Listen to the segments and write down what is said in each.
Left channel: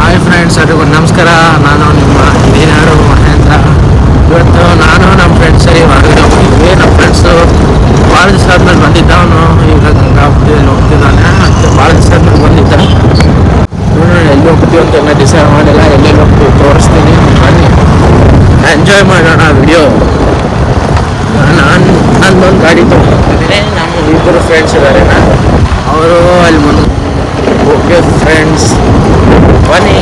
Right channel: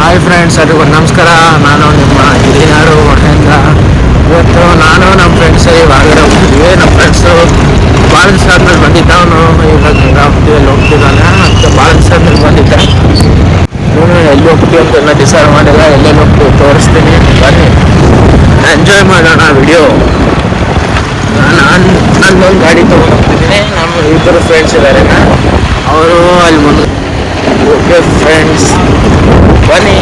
Hi friends, ಎಲ್ಲರಿಗೂ ನಮಸ್ಕಾರ. ನಾನು ನಿಮ್ಮ ಹಿರಿಯರು ಮಹೇಂದ್ರ. ಇವತ್ತು ನಾನು ನಮ್ಮ ಫ್ರೆಂಡ್ಸ್ ಹೊರಗಡೆ ಹೋಗ್ತಿದ್ವಿ. ನಮ್ಮ ಫ್ರೆಂಡ್ಸು ಭಾಳ ದಿವಸ ಆದ್ಮೇಲೆ ಬಂದಿದ್ದವನು ಈಗ ಗಂಗಾವತಿಯಲ್ಲಿ ಹೋಗ್ತಿದ್ದಾನೆ. ಮತ್ತು ಭಾಳ ದಿವಸ ಆದ್ಮೇಲೆ ಬಂದಿದ್ದೆ. ನೋಡಿ ಎಲ್ಲಿ ಹೋಗ್ತೀವಿ ಅಂತ ಎಲ್ಲ ಡಿಸೈಡ್ ಮಾಡಿಲ್ಲ. ಎಲ್ಲೆಲ್ಲಿ ಹೋಗ್ತೀವಿ ತೋರಿಸ್ತೀನಿ, ಬನ್ನಿ ಎಂಜಾಯ್ ಮಾಡೋಣ ವಿಡಿಯೋ. ನಾನೊಂದು ಗಾಡಿ ತೊಗೊಂಡು ಹೋಗ್ತಿದ್ದೀನಿ. ನಮ್ಮ ಇಬ್ಬರು ಫ್ರೆಂಡ್ಸ್ ಇದ್ದಾರೆ, ಅವರು ಅಲ್ಲಿ ಮುಂದೆ. ಓಕೆ ಫ್ರೆಂಡ್ಸ್, ಬನ್ನಿ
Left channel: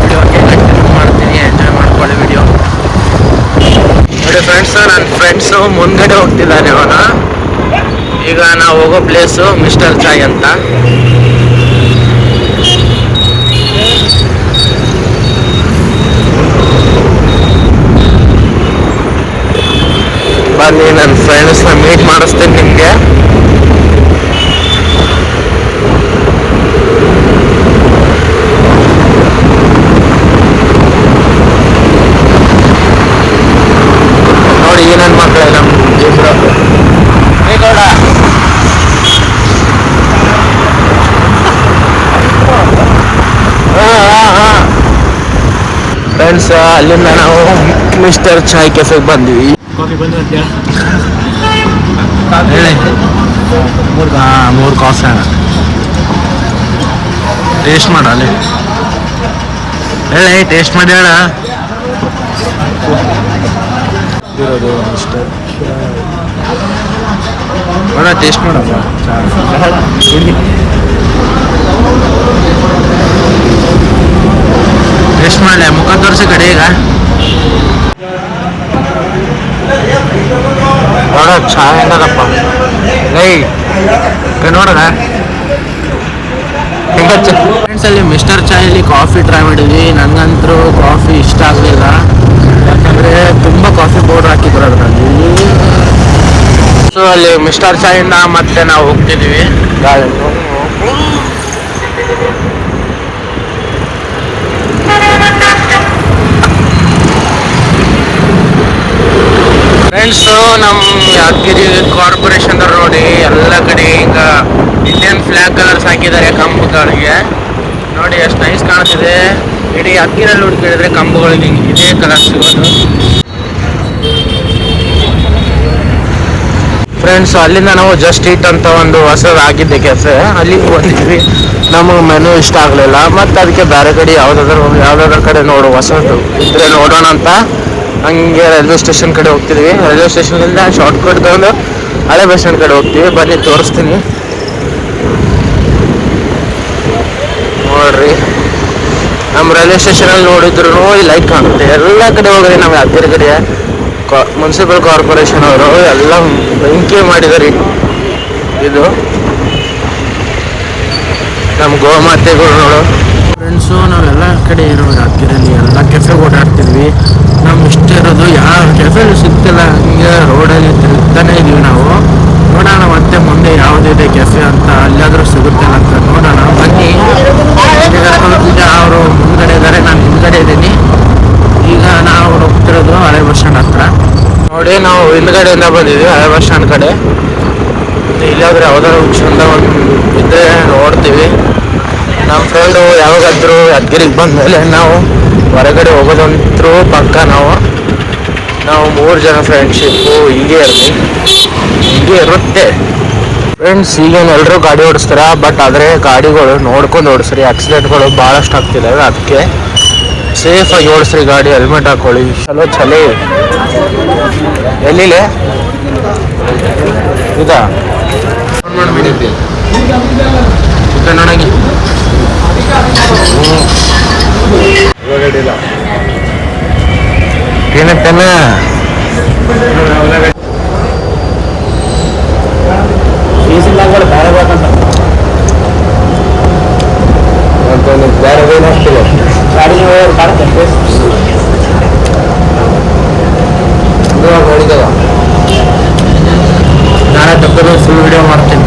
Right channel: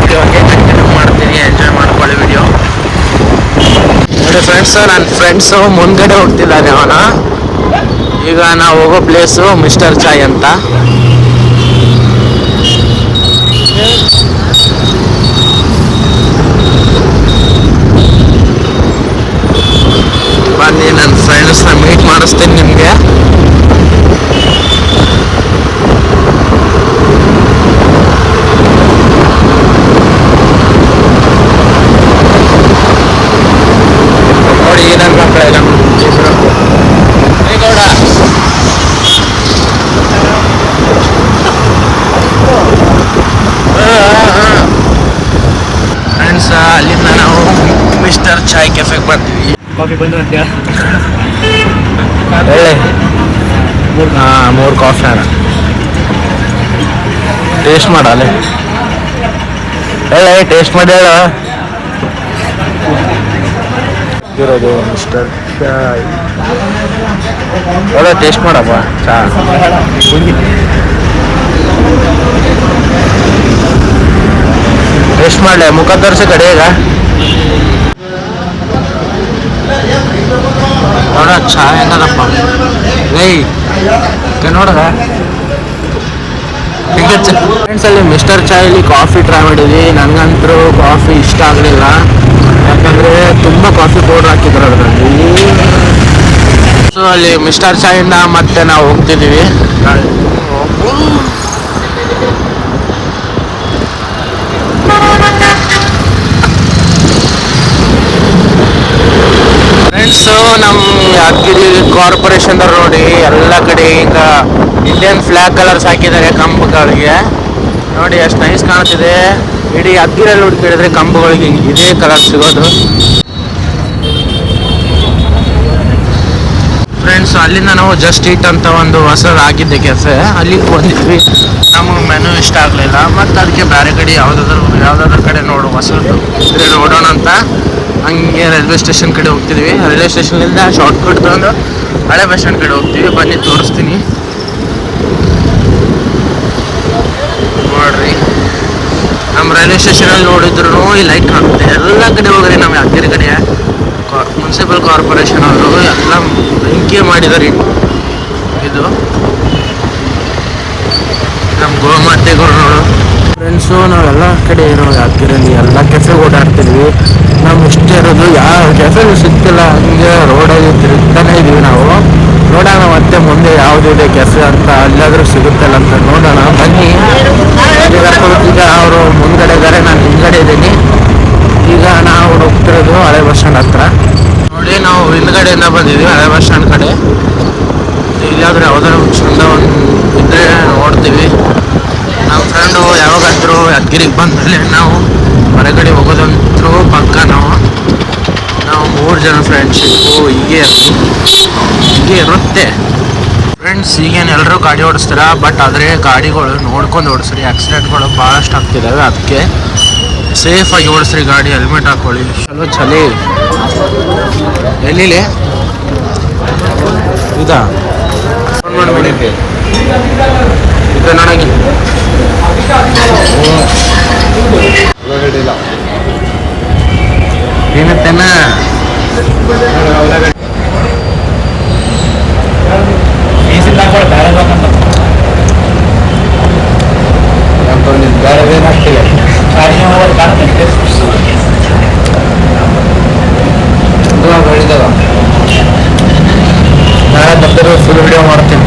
ವಿಡಿಯೋಗೆ ಕಂಟಿನ್ಯೂ ಮಾಡ್ತೀನಿ. ಎಂಜಾಯ್ ಮಾಡ್ಕೊಳ್ಳಿ ವಿಡಿಯೋ. ನೋಡಿ ಫ್ರೆಂಡ್ಸ್, ನನ್ನ ಫ್ರೆಂಡ್ಸು ಮುಂದ್ಗಡೆ ಹೋಗ್ತಿದ್ದಾನೆ ಅವನ. ಈಗ ನಾವು ಹೋಗೋ ಪ್ಲೇಸು ಮಿಸ್ಟರ್ ಚಾಯ್ ಅಂತ. ಬನ್ನಿ ನನ್ನ ಫ್ರೆಂಡ್ಸ್ನ ಮೀಟ್ ಮಾಡಿಸ್ತೀನಿ ನಿಮಗೆ. ಫ್ರೆಂಡ್ಸ್, ಅಲ್ಲಿಂದ ನಾವು ಮಿಸ್ಟರ್ ಚಾಯ್ ಕೆಫೆಗೆ ಬಂದ್ವಿ. ಹೇಳಿ, 3 ಕಾಫಿ ಅಣ್ಣ. ಟೇಸ್ಟ್ ಮಾಡಲಿ, ಹೇಳಿ ಟೇಸ್ಟ್ ಮಾಡಿ ಹೇಳ. ಇರೋದು ಮಿಸ್ಟರ್ ಚಾಯ್, ಒಳ್ಳೆ ಟೇಸ್ಟ್ ಮಾಡಪ್ಪ ಚಾ. ಟೇಸ್ಟ್ ಮಾಡಲೆ, ಮುಖ ತೋರಿಸಿ ಕಡೆ. ಈಗ ನೋಡ ಚಾ ಹೆಂಗದಪ್ಪ ರೈ ನೋಡ್ರ. ಫ್ರೆಂಡ್ಸ್, ಅಲ್ಲಿ ಮಿಸ್ಟರ್ ಚಾಯಲ್ಲಿ ಕಾಫಿ ಟ್ರೈ ಮಾಡಿದ್ವಿ. ನನಗಂತರೂ ಕಾಫಿ ಇಷ್ಟ ಆಗಲಿಲ್ಲ, ಯಾಕಂದರೆ ತುಂಬ ಕಾಫಿ ಪೌಡ್ರ್ ಹಾಕಿದ್ರು ಅದರಲ್ಲಿ. ಸೊ ಅಲ್ಲಿ ಮಿಸ್ಟರ್ ಚಾಯಿಂದ ಮತ್ತೆ ನಾವು ಹೋಗ್ತಿದ್ದೀವಿ ಗಾಡಿ. ಫ್ರೆಂಡ್ಸು, ನಮ್ಮ ಯಾದಗಿರಿ ಕಾರ್ಪೊರೇಷನ್ದವ್ರು ನೋಡಿ ಎಲ್ಲ ಕಡೆ ಈಗ ಇಂಡಿಯನ್ ಫ್ಲ್ಯಾಗ್ ಕಲರ್ಸ್ ಹಾಕಿದ್ದಾರೆ ಕಂಬಗಳಿಗೆ. ನೋಡಿ ಎಷ್ಟು ನೈಸ್ ಕಾಣ್ತಿದೆ. ಇಡೀ ಯಾದಗಿರಿಯಲ್ಲಿ ಹುಡುಕಿದ್ರೆ ಕಂಬಗಳಿಗೆ ಹಿಂಗೆ ಇದೇ ಕಲರ್ ಸಿಗೋದು. ಫ್ರೆಂಡ್ಸ್, ಅಲ್ಲಿಂದ ನಾವು ಜಸ್ಟ್ ಈಟ್ ಅಂತ ಒಂದು ಹೊಸದು ಆಗಿದ್ದೆ ಕೆಫೆ, ಅಲ್ಲಿಗೆ ಬಂದಿದ್ವಿ. ನಮಗೆ ಮೆನು ಇಷ್ಟ ಆಗಲಿಲ್ಲ, ಮತ್ತು ಅದಕ್ಕೆ ಬೇರೆ ಕಡೆ ಯಾವುದಾದ್ರೂ ಕಡೆ ಹೊಸದು ಇದ್ರೆ ನೋಡೋಣ ಅಂತ ಹಂಗೆ ರೈಲ್ವೆ ಸ್ಟೇಷನ್ ಕಡೆ ಹೋಗ್ತಿದ್ವಿ. ರೈಲ್ವೆ ಸ್ಟೇಷನ್ನಿಂದ ಶಾರ್ಟ್ ಕಟ್ ತಗೊಂಡು ಹಳೆ ಬಸ್ ಸ್ಟ್ಯಾಂಡ್ ಕಡೆ ಹೋಗ್ತೀವಿ. ಬನ್ನಿ ತೋರಿಸ್ತೀನಿ ನೋಡ್ರಿ. ನಮ್ಮ ರೈಲ್ವೆ ಸ್ಟೇಷನಲ್ಲಿ ನೋಡಿದ್ರು ಈ ಲೈಟ್ ಕಾಣುತ್ತೆ. ಎಲ್ಲ ಕಡೆ ಹೋಗ್ರಿ. ನಮ್ಮ ಯಾದಗಿರಿ ಕಡೆ ಮುನ್ಸಿಪಲ್ ಕಾರ್ಪೊರೇಷನ್ ಅವರು ಎಲ್ಲ ಬೆಂಕಿ ಮಾಡಿದ್ದಾರೆ. ಇದು ನಮ್ಮ ಗೋಮಾತೆಗಳು ನೋಡು. ಫ್ರೆಂಡ್ಸು, ನಾವೆಲ್ಲ ಕಡೆ ಇರೋ ಯಾದಗಿರಿಯಲ್ಲಿ ಎಲ್ಲ ಕೆಫೆಗೆ ಓಡಾಡ್ತಿದ್ವಿ. ನಮ್ಗೆ ಇಷ್ಟ ಇರೋದು ಯಾವ ಕೆಫೆಗೂ ಸಿಗ್ತಿಲ್ಲ. ಹಂಗೆ ರೋಡಲ್ಲಿ ತಿರುಗ್ತಾನೆ ಇದ್ದೀವಿ ನಾವು. ನೋಡೋಣ ಮತ್ತೆ ಮುಂದೆ ಯಾವುದಿದೆ ಕೆಫೆ ಅಂತ, ಅಲ್ಲಾದರೂ ಸಿಗುತ್ತಲ್ಲ ಅಂತ ನೋಡೋಣ. ಬನ್ನಿ. ಈಗ ಅವರು ಮುಂದ್ಗಡೆ ಇದ್ದಾರೆ, ನಾನು ಹಿಂದ್ಗಡೆ ಇದ್ದೀನಿ. ಈಗ ನಾವು ಹೋಗ್ತಿರೋದು ಹಳೆ ಬಸ್ ಸ್ಟ್ಯಾಂಡ್ ಹತ್ರ. ನೋಡಿ, ನಾವು ಹಿಂದ್ಗಡೆಯಿಂದ ಬಂದಿದ್ವಿ ಹಳೆ ಬಸ್ ಸ್ಟ್ಯಾಂಡ್ ಕಡೆ. ಇಲ್ಲಾದ್ರೆ ಯಾವ್ದಾದ್ರು ಚಂದ ಒಂದು ಇದ್ರೆ ನೋಡ್ತೀವಿ. ನಮ್ಮ ಫ್ರೆಂಡು ಯಾವಾಗಾದ್ರೂ ಯಾದಗಿರಿಗೆ ಬಂದಮೇಲೆ ನಾವು ಹೊರಗಡೆ ಹೋಗೋದಂತರೂ ಪಕ್ಕ. ನಾವು 3 ಜನ ಫ್ರೆಂಡ್ಶಿಪ್ಪು ಹೀಗೆ ಇರುತ್ತೆ ಫ್ರೆಂಡ್ಸ್. ಈಗೇನು ಎಲ್ಲರೂ ಗಾಡಿ ಓಡಿಸ್ತಾರೆ, ಬಟ್ ಆದರೆ ಗಾಡಿಗಳು ನೋಡ್ಕೊಂಡು ಓಡಿಸ್ರಿ. ಆಕ್ಸಿಡೆಂಟ್ಗಳು ಭಾಳಷ್ಟು ಆಗ್ತಿದ್ದಾವೆ, ಅದಕ್ಕೆ ಸೇಫಾಗಿ ಓಡಿಸ್ರಿ ಗಾಡಿ. ಹೆಲ್ಮೆಟ್ ಹಾಕೊಳ್ಳಿ. ಚಲೋ ಎಲ್ಲಿಲೆ ಇದಾ ಮಾಡಿದ್ದೆ ಇದು ನನಗೆ ಏನತ್ತೇನ ನಾಳೆ ದಬ್ಬರು ಫುಲ್ ವಿಡಿಯೋ ಮಾಡ್ತೀನಿ.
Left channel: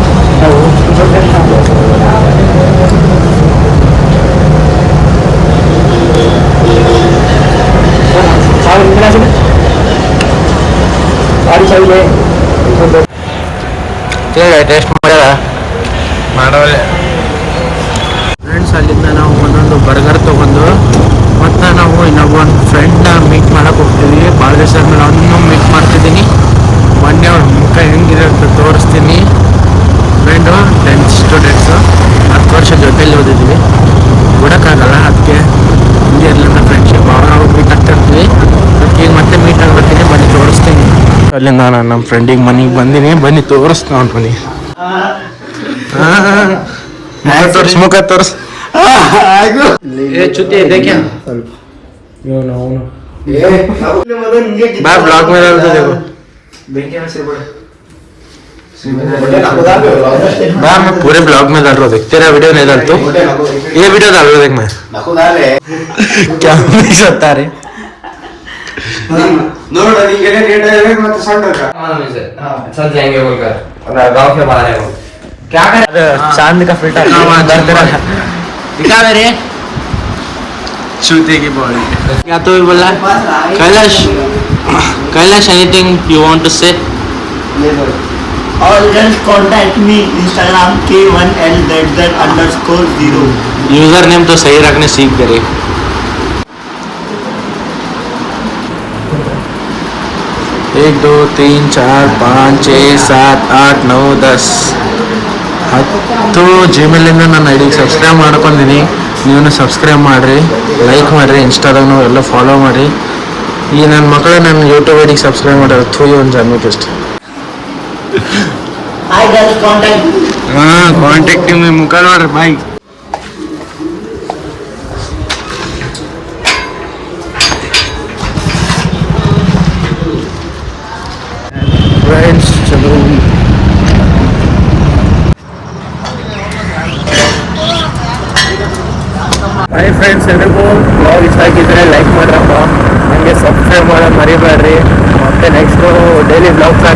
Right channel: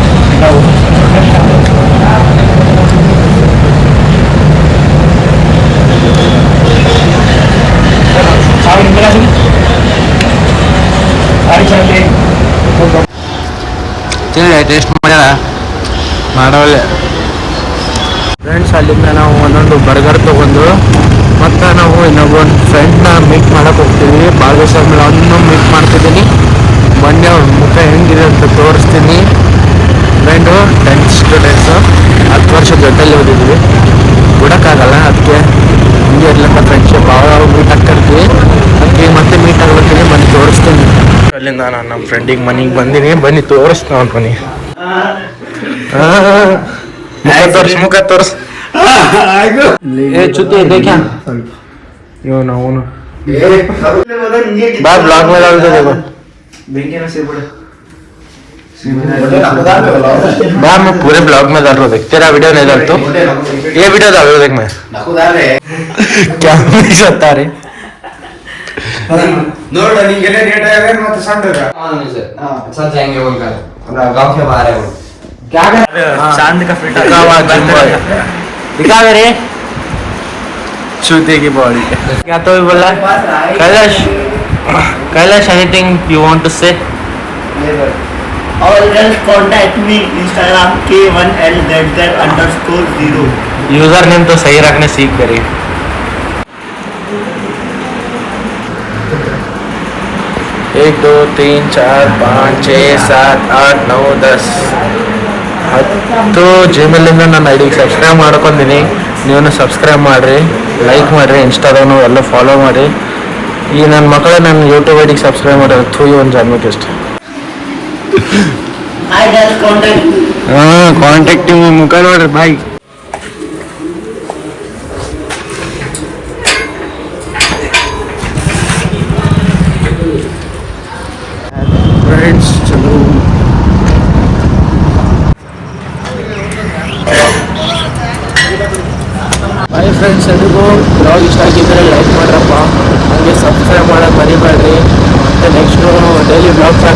ಟೇಸ್ಟ್ ಮಾಡ್ಯಾರ ಮಾಡೋಲ್ಲ. ಫ್ರೆಂಡ್ಸ್ ಅಲ್ಲಿಂದ ನಾವು ಒಂದೊಂದು ಬರ್ಗರ್ ತೊಗೊಂಡು ಮತ್ತು ನಾವು ಇನ್ನೊಬ್ಬೊಂದು ಫ್ರೆಂಡ್ನ ಮೀಟ್ ಮಾಡೋಕೆ ಹೋಗ್ತೀವಿ. ಭಾಳ ದಿವಸ ಆದಮೇಲೆ ಅವನ್ನೂ ಮೀಟ್ ಮಾಡ್ತಿದ್ದೀನಿ. ಮೊನ್ನೆ ಅವ್ನ ಮುಖ ಹೆಂಗಿದೆ ಅಂತ ತೋರಿಸ್ತೀನಿ. ಫ್ರೆಂಡು 10th ಸ್ಟೂಡೆಂಟ್ಸು 10 ವರ್ಷ ಜೊತೆಲಿ ಓದಿದ್ವಿ, ಬಿಡೋಕ್ಕಾಗಲ್ಲ. ಅದಕ್ಕೆ ಹಿಂಗೆ ಇರ್ಲಂತ ಫ್ರೆಂಡ್ಶಿಪ್ ಅವಾಗ ಮೀಟ್ ಆಗ್ತಿರ್ತೀವಿ. ಅದಕ್ಕೆ ಈಗ ಮತ್ತೆ ಮೀಟ್ ಆಗ್ಬೇಕಿನಿ, ಬನ್ನಿ ತೋರಿಸ್ತೀನಿ. ಅಲ್ಲಿಂದ ನಾನು ನಮ್ಮ ಫ್ರೆಂಡಿಗೆ ಮನೆಗೆ ಬಂದೀನಿ, ಬನ್ನಿ ತೋರಿಸ್ತಾ ಅವ್ನ ಮನೆ. ಮುಖ ತೋರ್ಸ್ ಚುತಿ देखा यो ना वो ना बाय ब्लॉग में डाल दो देखो बाय मैं पूरे ब्लॉग में डाल रहा हूँ, देख तेरा वीडियो नहीं डाल तो ये वीडियो डाल रहा हूँ, देख मैं क्या नहीं सकता रे चल जाएंगे बोलकर गाँव के बाहर है वो क्या कर चांद का फिल्टर दिखा मेरे चूते की बॉडी क्या तो भी बोला Kailash Kailash anything you want to say or just contact me Instagram K1LZZ_0 user name तो सही रखने सीख दे रही. 1 2 3 4 5 6 7 8 9 10 10 ಜಿಮೇಲಿಂದ ನನ್ನ ಐಡಿಗೆ ಸಬ್ಸ್ಕ್ರೈಬ್ ಮಾಡ್ಕೊಂಡಿನಿ. ನೀವು ಸಬ್ಸ್ಕ್ರೈಬ್ ಮಾಡಿರಿ, ಲೈಕ್ ಮಾಡಿರಿ, ಇನ್ಸ್ಟಾದಾಗೂ ಎಲ್ಲ ಫಾಲೋ ಮಾಡಿ. ಈ ನನ್ನ ಮಕ್ಕಳು ನನ್ನ ಯೂಟ್ಯೂಬ್ ಐಡಿಗೆ ಸಬ್ಸ್ಕ್ರೈಬ್ ಮಾಡ್ಯಾರ. ಥೂಯಿ ಒಂದು ಜನ್ಮಕ್ಕೆ ಇಷ್ಟ. I just contact me. ಹಾಂ ಕಾಂಟ್ಯಾಕ್ಟ್ ನಿಮ್ಮ ಮುಖ ನೋಡ್ರಿ ಬಾಯ್. ಫ್ರೆಂಡ್ಸ್ ಚಲೋ ಹಾಯ್ ಫ್ರೆಂಡ್ಸ್, ಎಲ್ರಿಗೂ ಬ್ಲಾಗ್ ಇಷ್ಟ ಆಗಿದ್ದರೆ ಲೈಕ್ ಮಾಡ್ರಪ್ಪ, ಮತ್ತು ಸಬ್ಸ್ಕ್ರೈಬ್ ಮಾಡೋದು ಮರಿಬೇಡ್ರಿ. ಮತ್ತು ನೆಕ್ಸ್ಟ್ ಡೈಲಿ ಬ್ಲಾಗ್ನ